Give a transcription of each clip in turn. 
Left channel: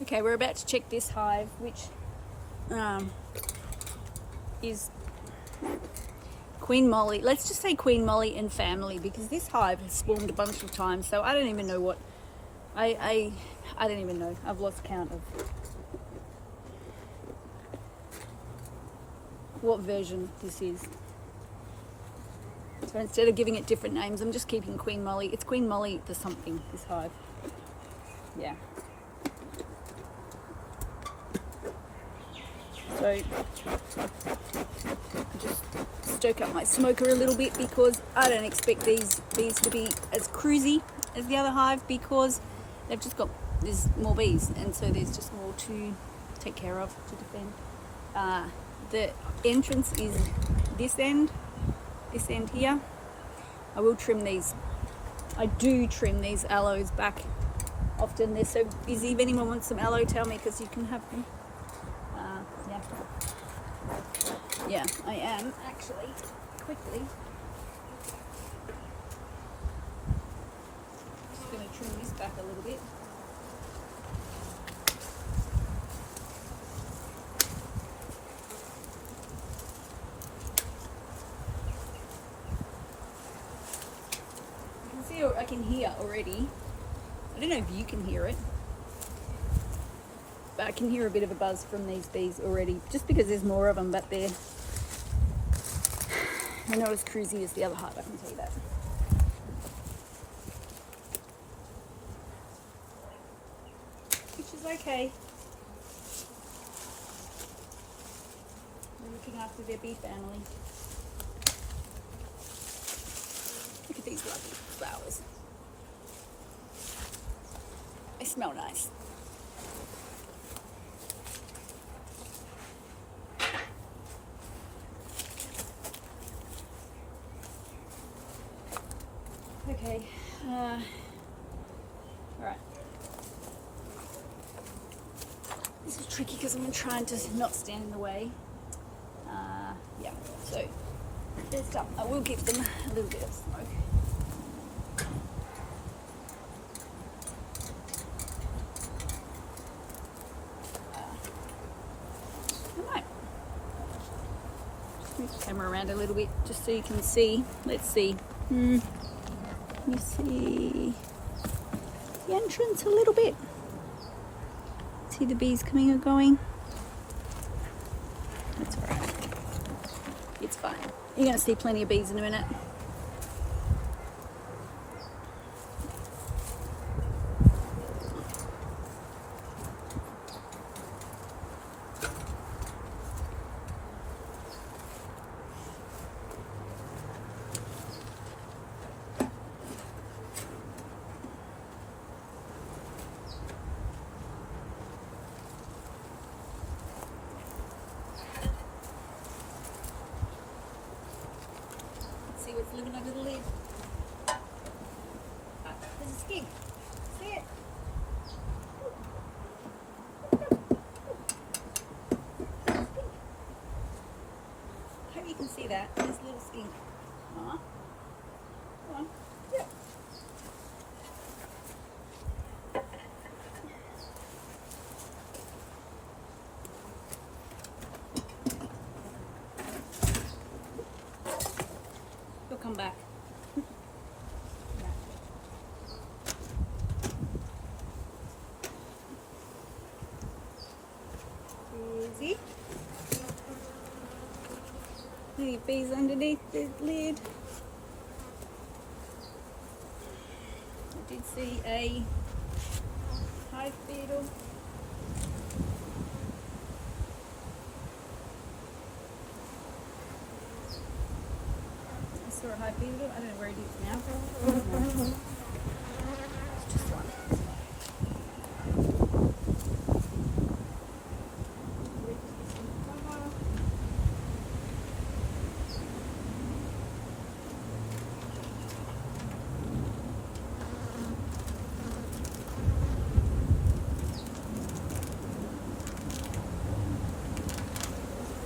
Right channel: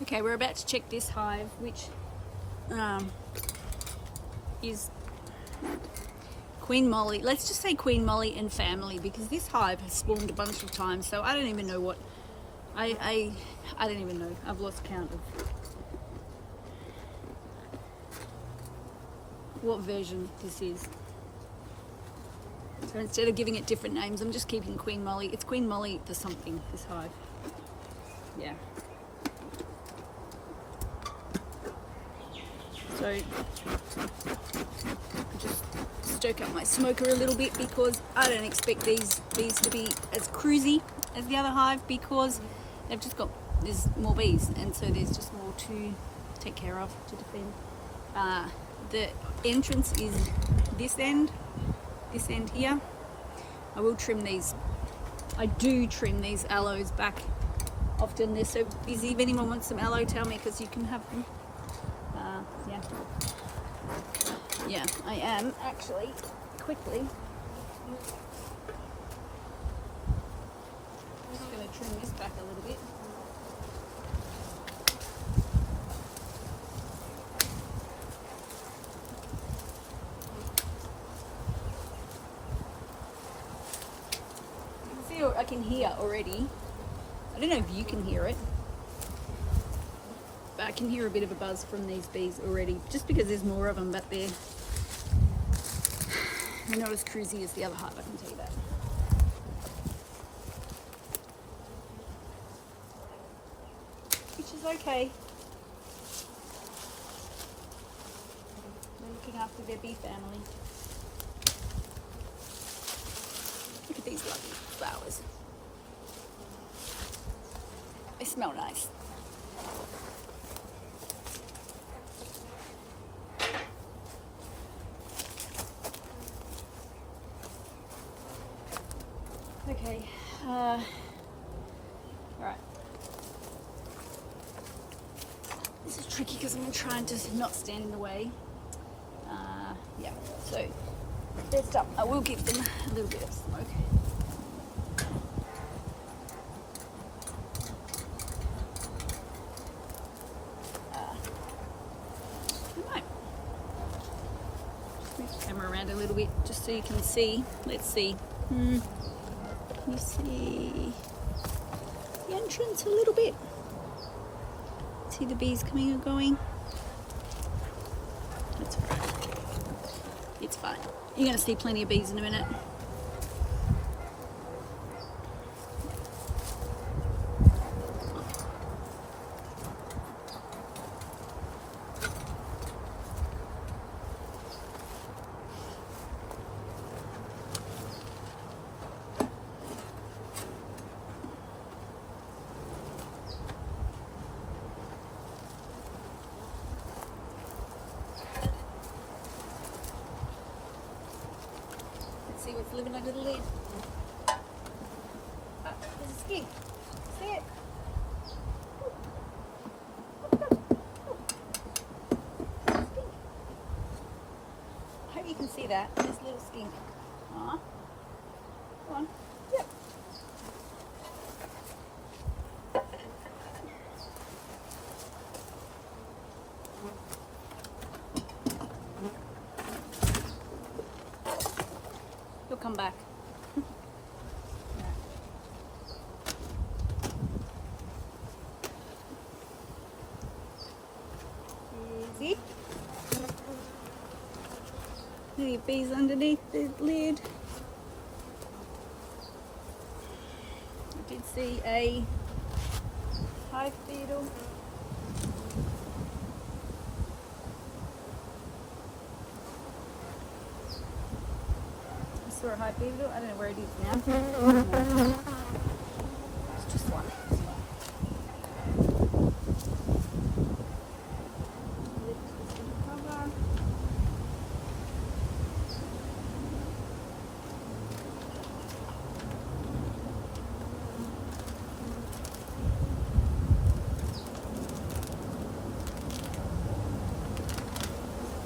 Okay, we're about to check this hive, which is Queen Molly. Let's just say Queen Molly and family, because this hive has swarmed a bunch of times, so I don't even know what I don't even know. I've lost count of what version this is. So instead of giving it different names, I'm just keeping Queen Molly. It's Queen Molly the something, this hive. Yeah. So just stoke up my smoker a little bit, because I don't expect these bees to be as cruisy as the other hive, because they've just got, there's more bees, and so there's just more to take care of, to defend. The entrance is this end here. I will trim these. I do trim these aloes back often. They're so busy. If anyone wants some aloe, tell me, because you can have them. Yeah, I am actually quickly just going to trim this back a little bit. You can see, I can hear already. I don't know if you can hear it, but I can hear a bit of a buzz from these bees already, just because there's more of them, but they're not as cruisy as the other hive, I can tell you that. Which is okay. They're looking after their bee family. Look at these lovely flowers. They smell nice. Okay, all right. This is tricky because I'm trying to not stand in the way. Yeah, so first up, I will give them a little bit of smoke. I might move the camera around a little bit just so you can see. Let's see. Can you see the entrance a little bit? See the bees coming or going? It's fine. It's fine. You're going to see plenty of bees in a minute. See what's living under the lid. There's a skink. See it? Hope you can see that. There's a little skink. Aw. Come on. Yeah. He'll come back. Is he? The bees underneath the lid. I did see a hive beetle. I saw a hive beetle. I don't know where it is now. It's just one.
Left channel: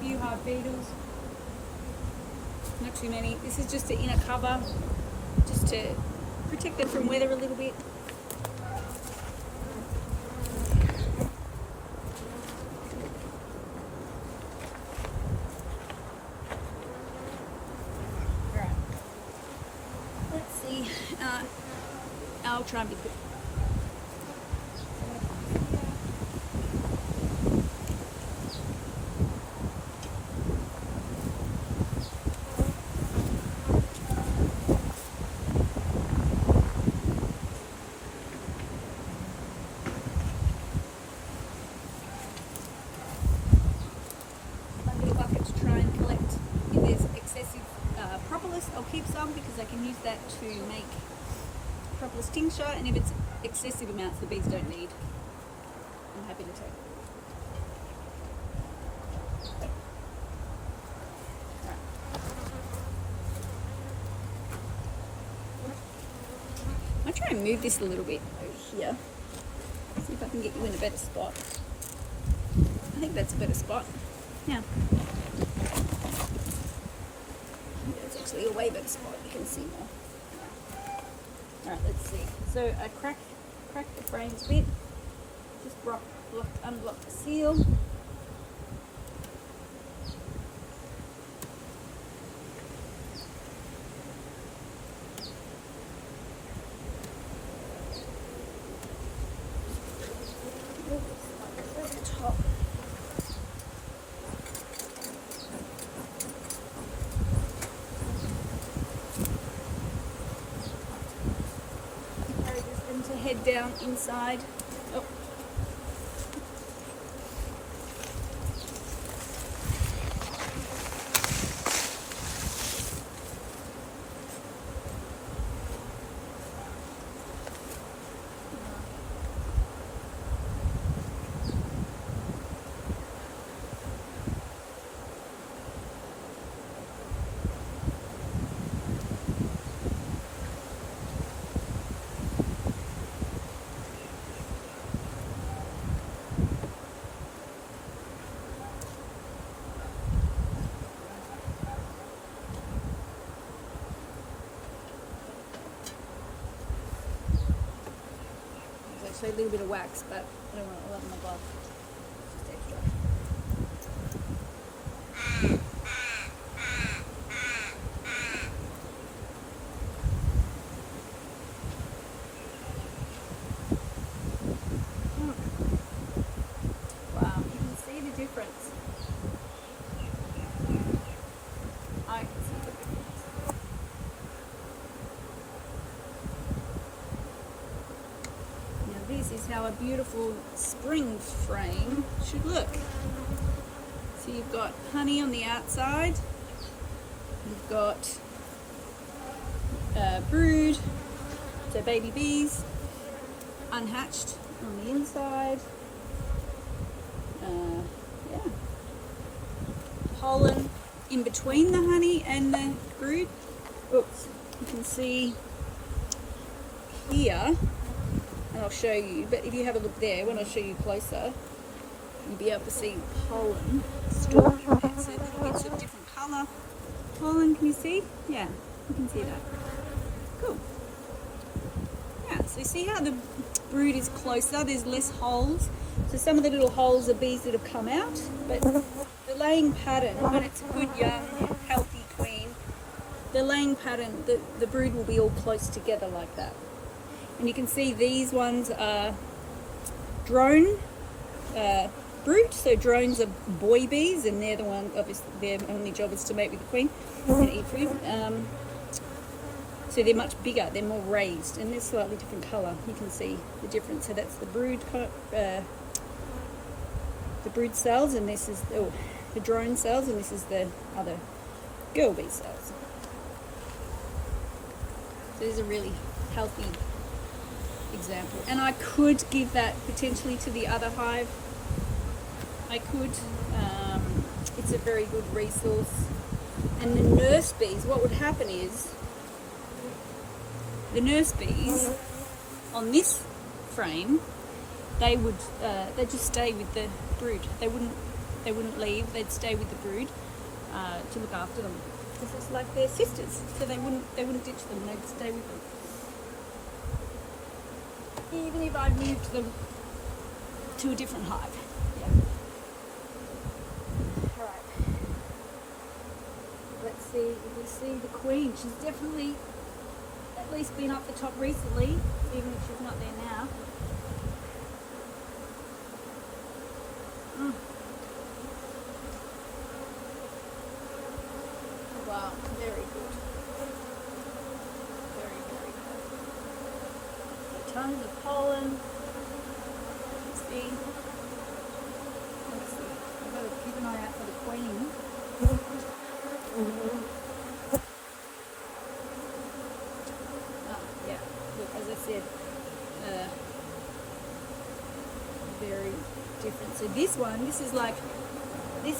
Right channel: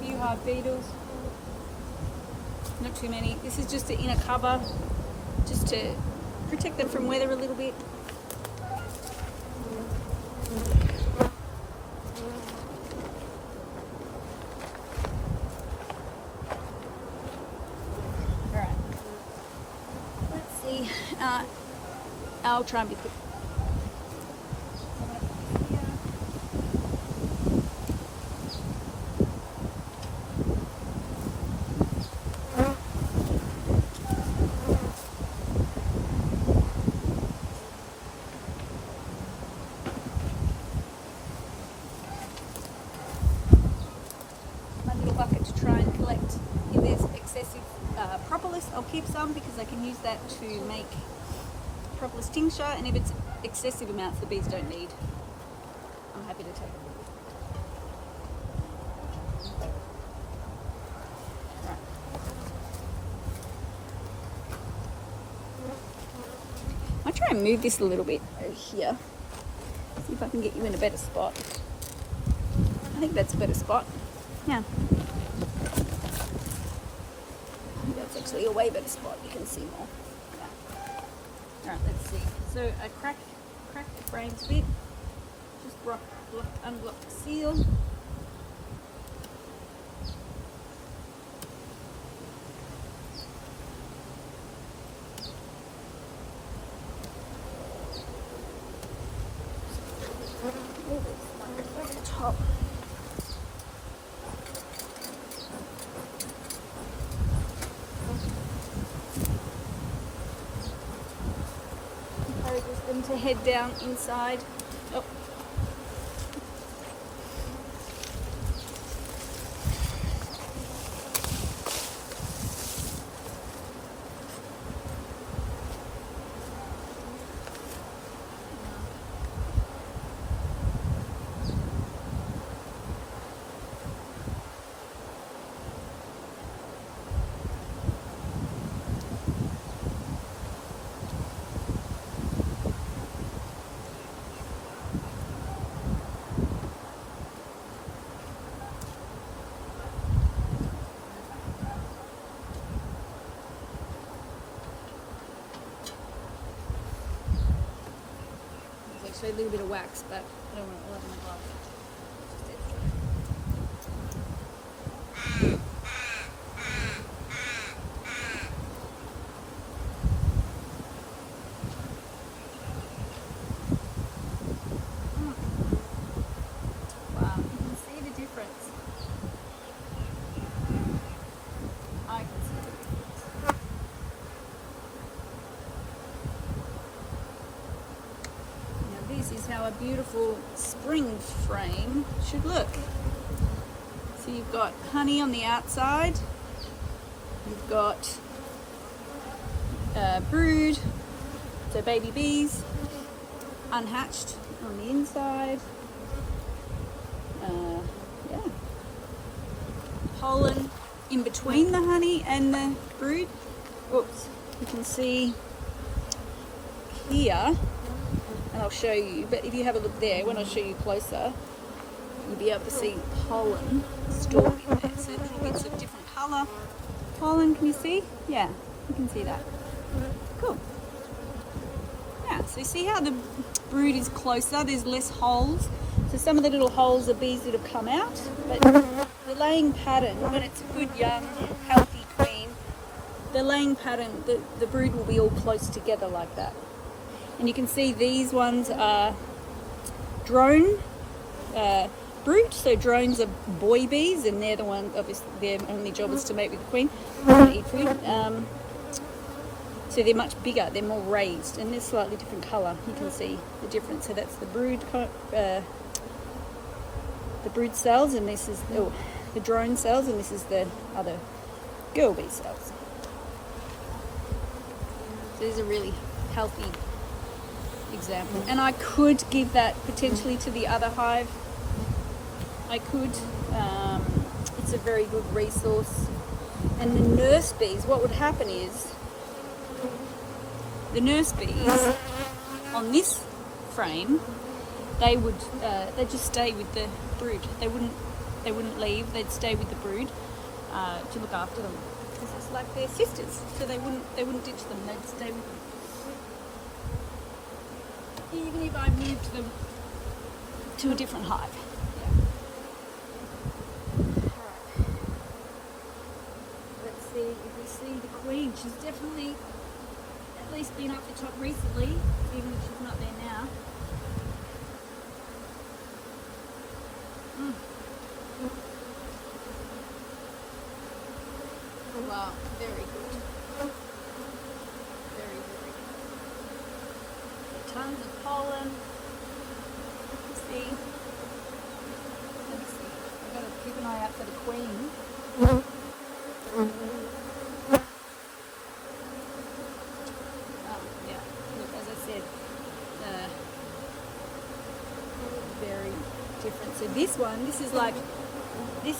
Few hive beetles. Not too many. This is just the inner cover, just to protect them from weather a little bit. I'll try and be quick. My little bucket to try and collect if there's excessive propolis. I'll keep some because I can use that to make propolis tincture, and if it's excessive amounts the bees don't need, I'm happy to take it. Right. I'll try and move this a little bit over here. See if I can get you in a better spot. I think that's a better spot. Yeah. That's actually a way better spot. You can see more. Alright, let's see. So I crack the frames a bit. Just unblock the seal. Over the top. Them to head down inside. Oh. A little bit of wax, but I don't want it all over my glove. Wow, you can see the difference. I can see the difference. This is how a beautiful spring frame should look. So you've got honey on the outside, you've got brood, so baby bees, unhatched on the inside, yeah. Pollen in between the honey and the brood. Oops, you can see here. And I'll show you, but if you have a look there, when I show you closer, you'll be able to see pollen stored in there. So little bits of different colour. Pollen, can you see? Yeah, you can see that. Cool. Yeah, so see how the brood is closer, there's less holes. So some of the little holes are bees that have come out, but the laying pattern, when it's a good young, healthy queen, the laying pattern, the brood will be all close together like that. And you can see these ones are drone brood. So drones are boy bees, and they're the ones, obviously, their only job is to mate with the queen and eat food. So they're much bigger, they're more raised, and they're slightly different colour. You can see the difference. So that's the brood cells, and this is the drone cells, and this is the other girl bee cells. So these are really healthy example, and I could give that potentially to the other hive. I could. It's a very good resource. And the nurse bees, what would happen is the nurse bees on this frame, they would they'd just stay with the brood. They wouldn't leave. They'd stay with the brood to look after them, because it's like they're sisters. So they wouldn't ditch them. They'd stay with them. Even if I moved them to a different hive. Yeah. Alright. Let's see if we see the queen. She's definitely at least been up the top recently. even if she's not there now. Wow, very good. Very, very good. So tons of pollen. Let's see. I've got to keep an eye out for the queen. Yeah, look, as I said, very different. So this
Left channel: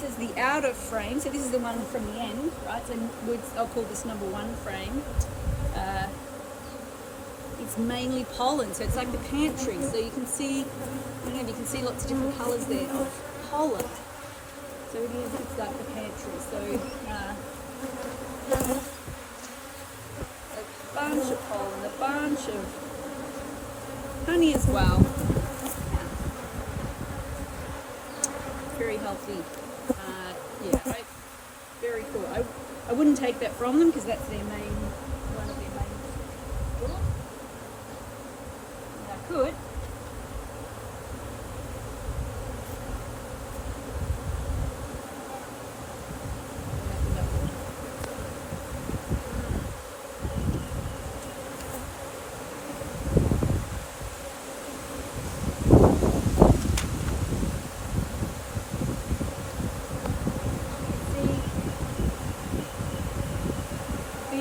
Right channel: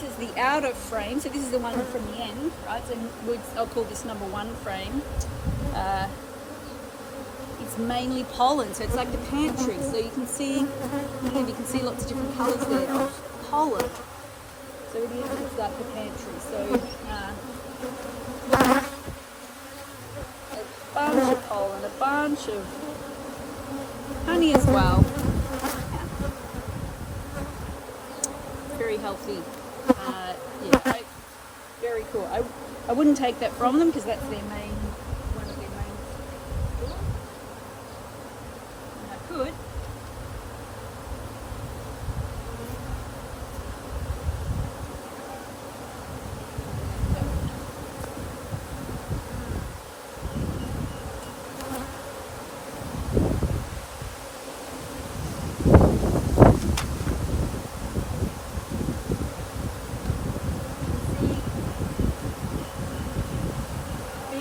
is the outer frame. So this is the one from the end, right? So I'll call this number 1 frame. It's mainly pollen, so it's like the pantry. So you can see lots of different colours there of pollen. So it's like the pantry. So a bunch of pollen, a bunch of honey as well. Very healthy. Yeah, very cool. I wouldn't take that from them because that's their main, one of their main stores. I could.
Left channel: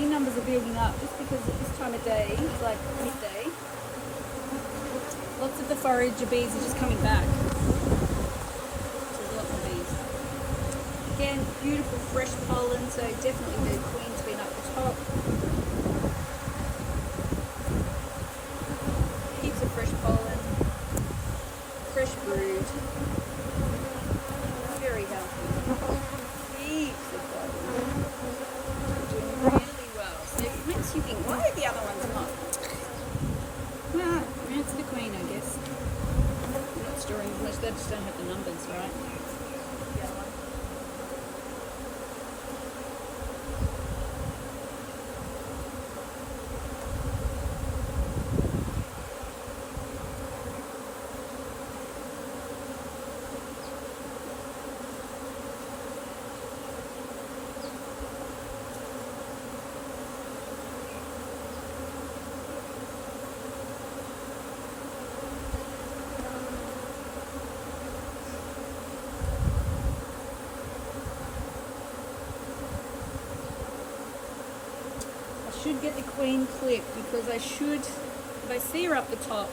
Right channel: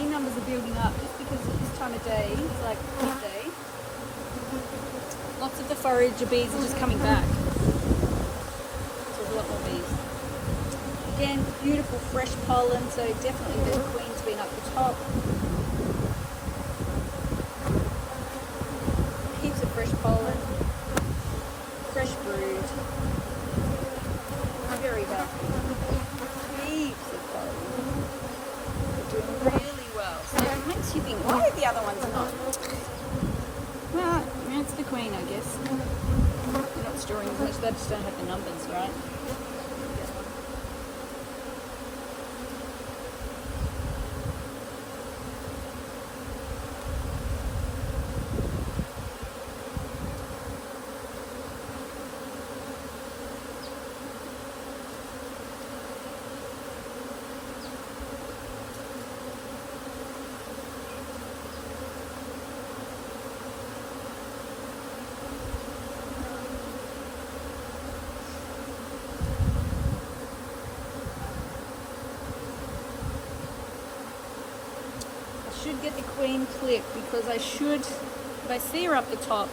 Numbers are building up just because at this time of day, it's like midday. Lots of the forager bees are just coming back. So there's a lot more bees. Again, beautiful fresh pollen, so definitely very queen's been up the top. Heaps of fresh pollen, fresh brood. Very healthy. Heaps of pollen. Doing really well. So it makes you think, why are the other ones not? Well, that's the queen, I guess. They're not storing as much, they just don't have the numbers, right? The other one. Should get the queen clip because if I see her up the top,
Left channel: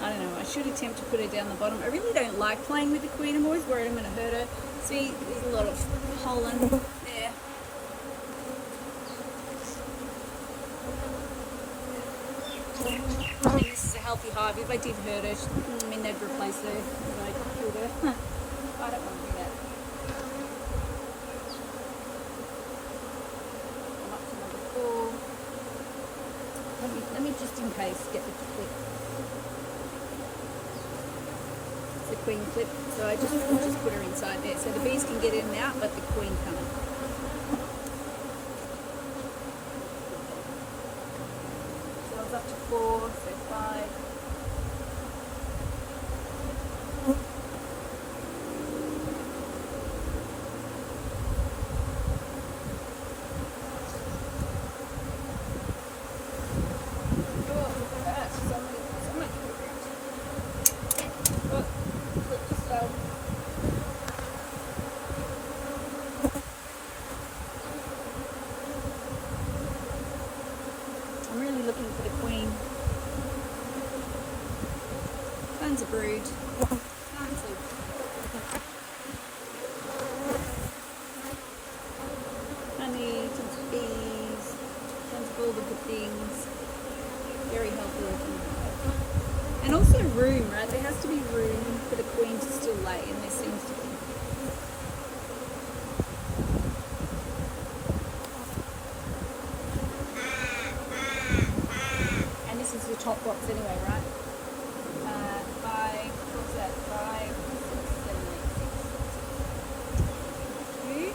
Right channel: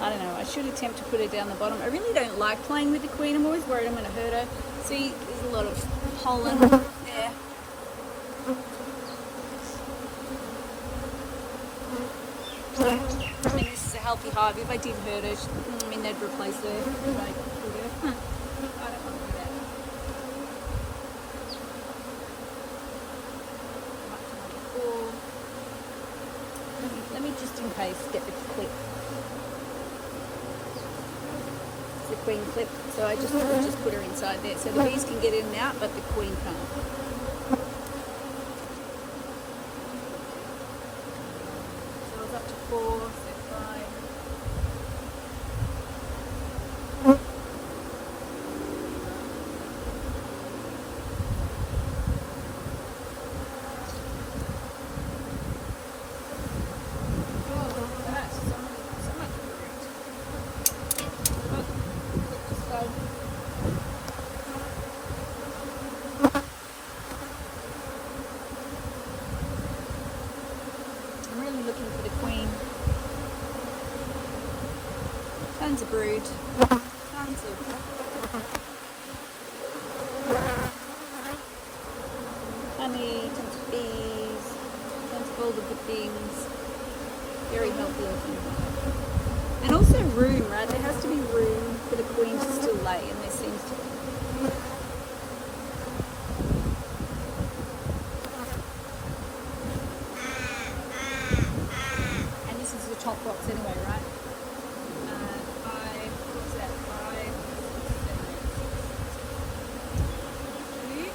I don't know, I should attempt to put her down the bottom. I really don't like playing with the queen. I'm always worried I'm going to hurt her. See, there's a lot of pollen there. I mean, this is a healthy hive. If I did hurt her, I mean, they'd replace her if I killed her. I don't want to do that. Let me just in case get the clip. It's the queen clip, so I just put her inside there. So the bees can get in and out, but the queen can't. So I was up to 4, so 5. I'm really looking for the queen. Tons of brood. Tons of honey, tons of bees, tons of all the good things. Very healthy looking hive. And also room, right? There has to be room for the queen to still lay, and there seems to be. Top box anyway, right? 5, what's that? 5, 7, 8,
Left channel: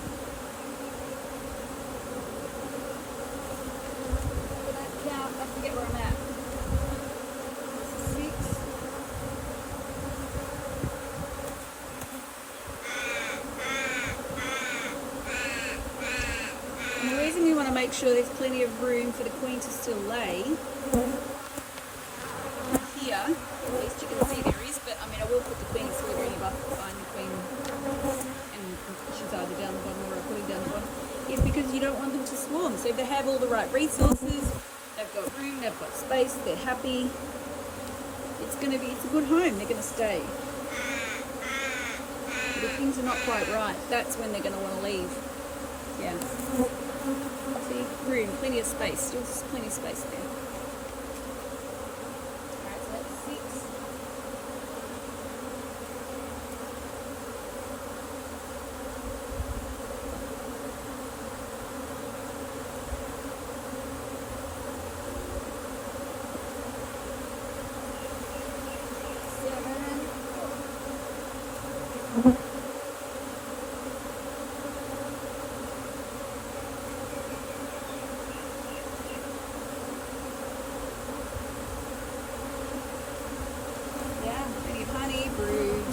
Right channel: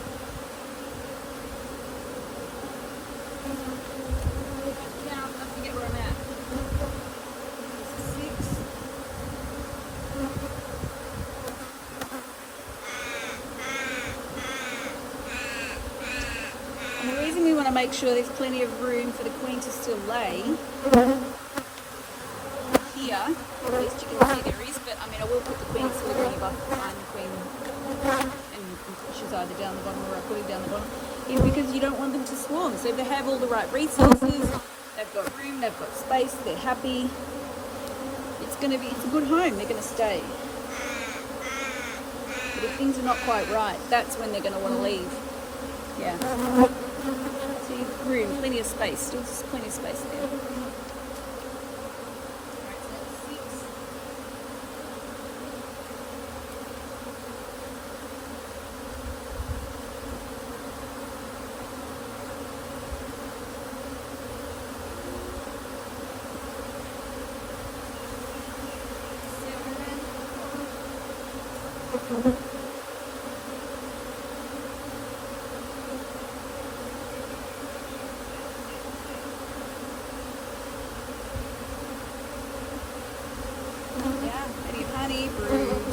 6. make sure there's plenty of room for the queen to still lay. Here, at least to do two areas, but I mean I will put the queen sliver in the bucket behind the queen, and she's either down the bottom or I put her down the bottom, is because you don't want them to swarm. So if they have all the right resources, they've got room, they've got space, they're happy, it's a good home, they're gonna stay. But if things are not quite right, that's when they're gonna want to leave. Yeah. So room, plenty of space, still plenty of space there. Yeah, plenty of honey, brood.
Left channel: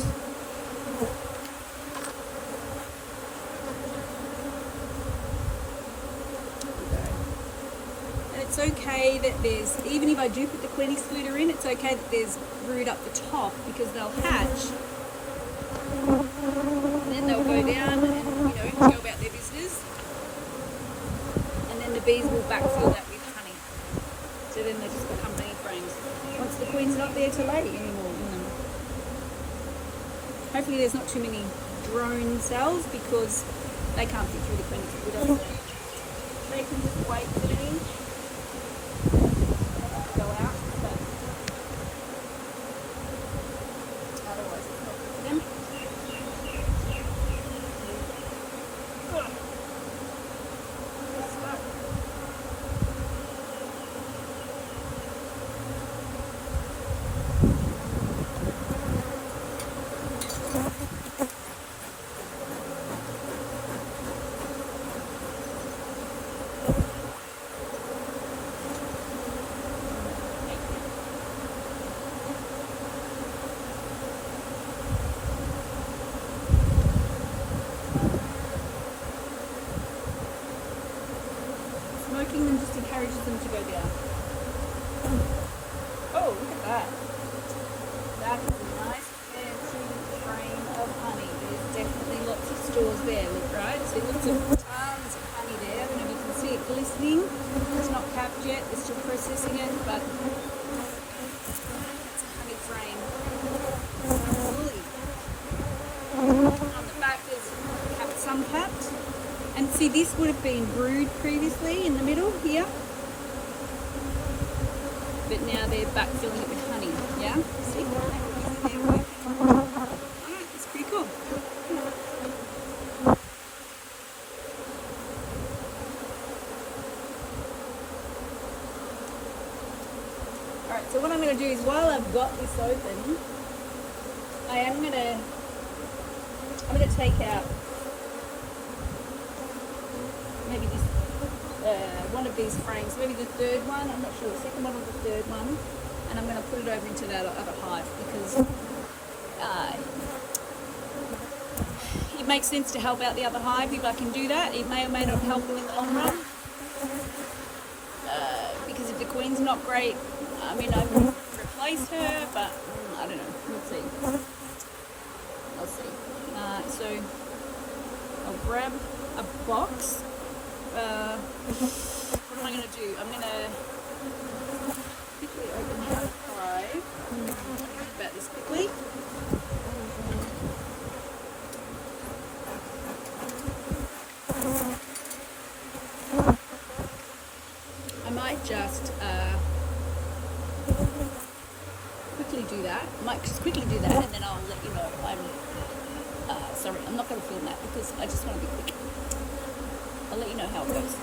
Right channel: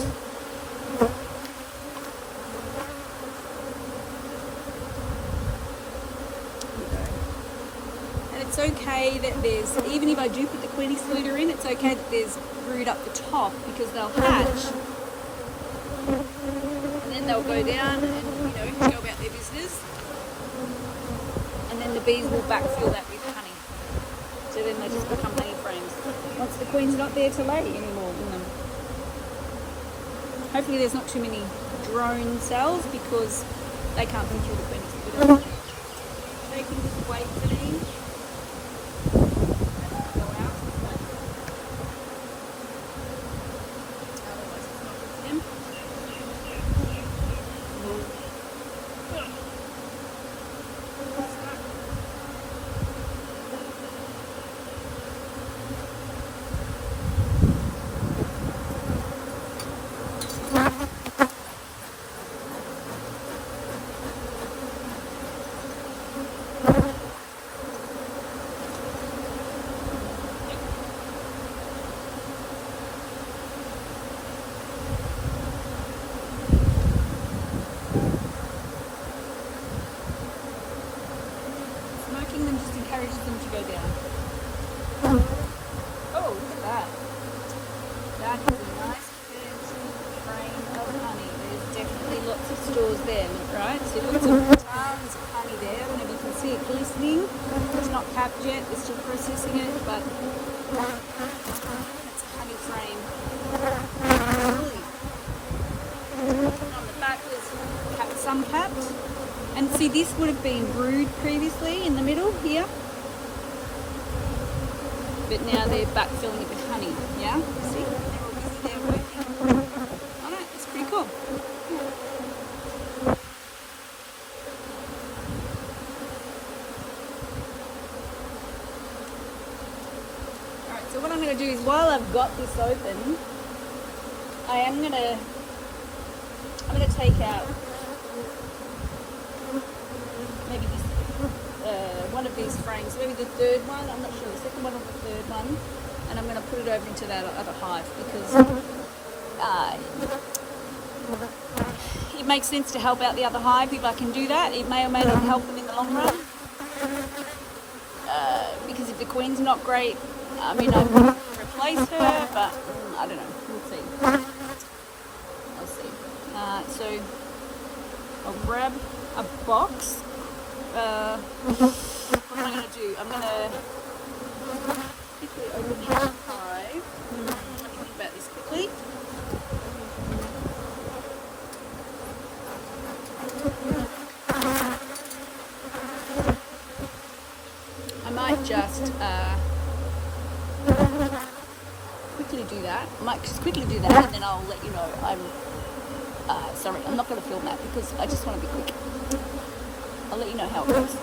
And it's okay that there's, even if I do put the queen excluder in, it's okay that there's brood up the top because they'll hatch. And then they'll go down and go about their business. And then the bees will backfill that with honey. So then they just become honey frames. Once the queen's not there to lay anymore, Hopefully there's not too many drone cells because they can't fit through the queen excluder. They can just wait for the inch. Go out, but otherwise it's not good for them. Smoking them just encourages them to go down. Oh, look at that. That is a nice fancy frame of honey. There's definitely lots of stores there, right? So lots of tons of honey there. And you can see it glistening. It's not capped yet, we're still processing it, but it's a honey frame. On the back there's some capped. And see, this would have been brood previously in the middle here. But now they're backfilling it with honey, yeah? See? Alright, it's pretty cool. Yeah. Alright, so what I'm going to do is while I've got this open, I'm going to take out maybe this, one of these frames, maybe the third one, I'm not sure, the second one or the third one, and I'm going to put it over into that other hive because it makes sense to help out the other hive if I can do that. It may or may not help them in the long run because if the queen's not great, I mean I can replace her, but I don't know, we'll see. I'll see. So I'll grab a box. What am I going to do? I'm going to quickly open the hive. Think about this quickly. I might just quickly do that. I might just quickly do that and then I'll let you know. Sorry, I'm not going to film that because I just want to be quick. I'll let you know how it goes.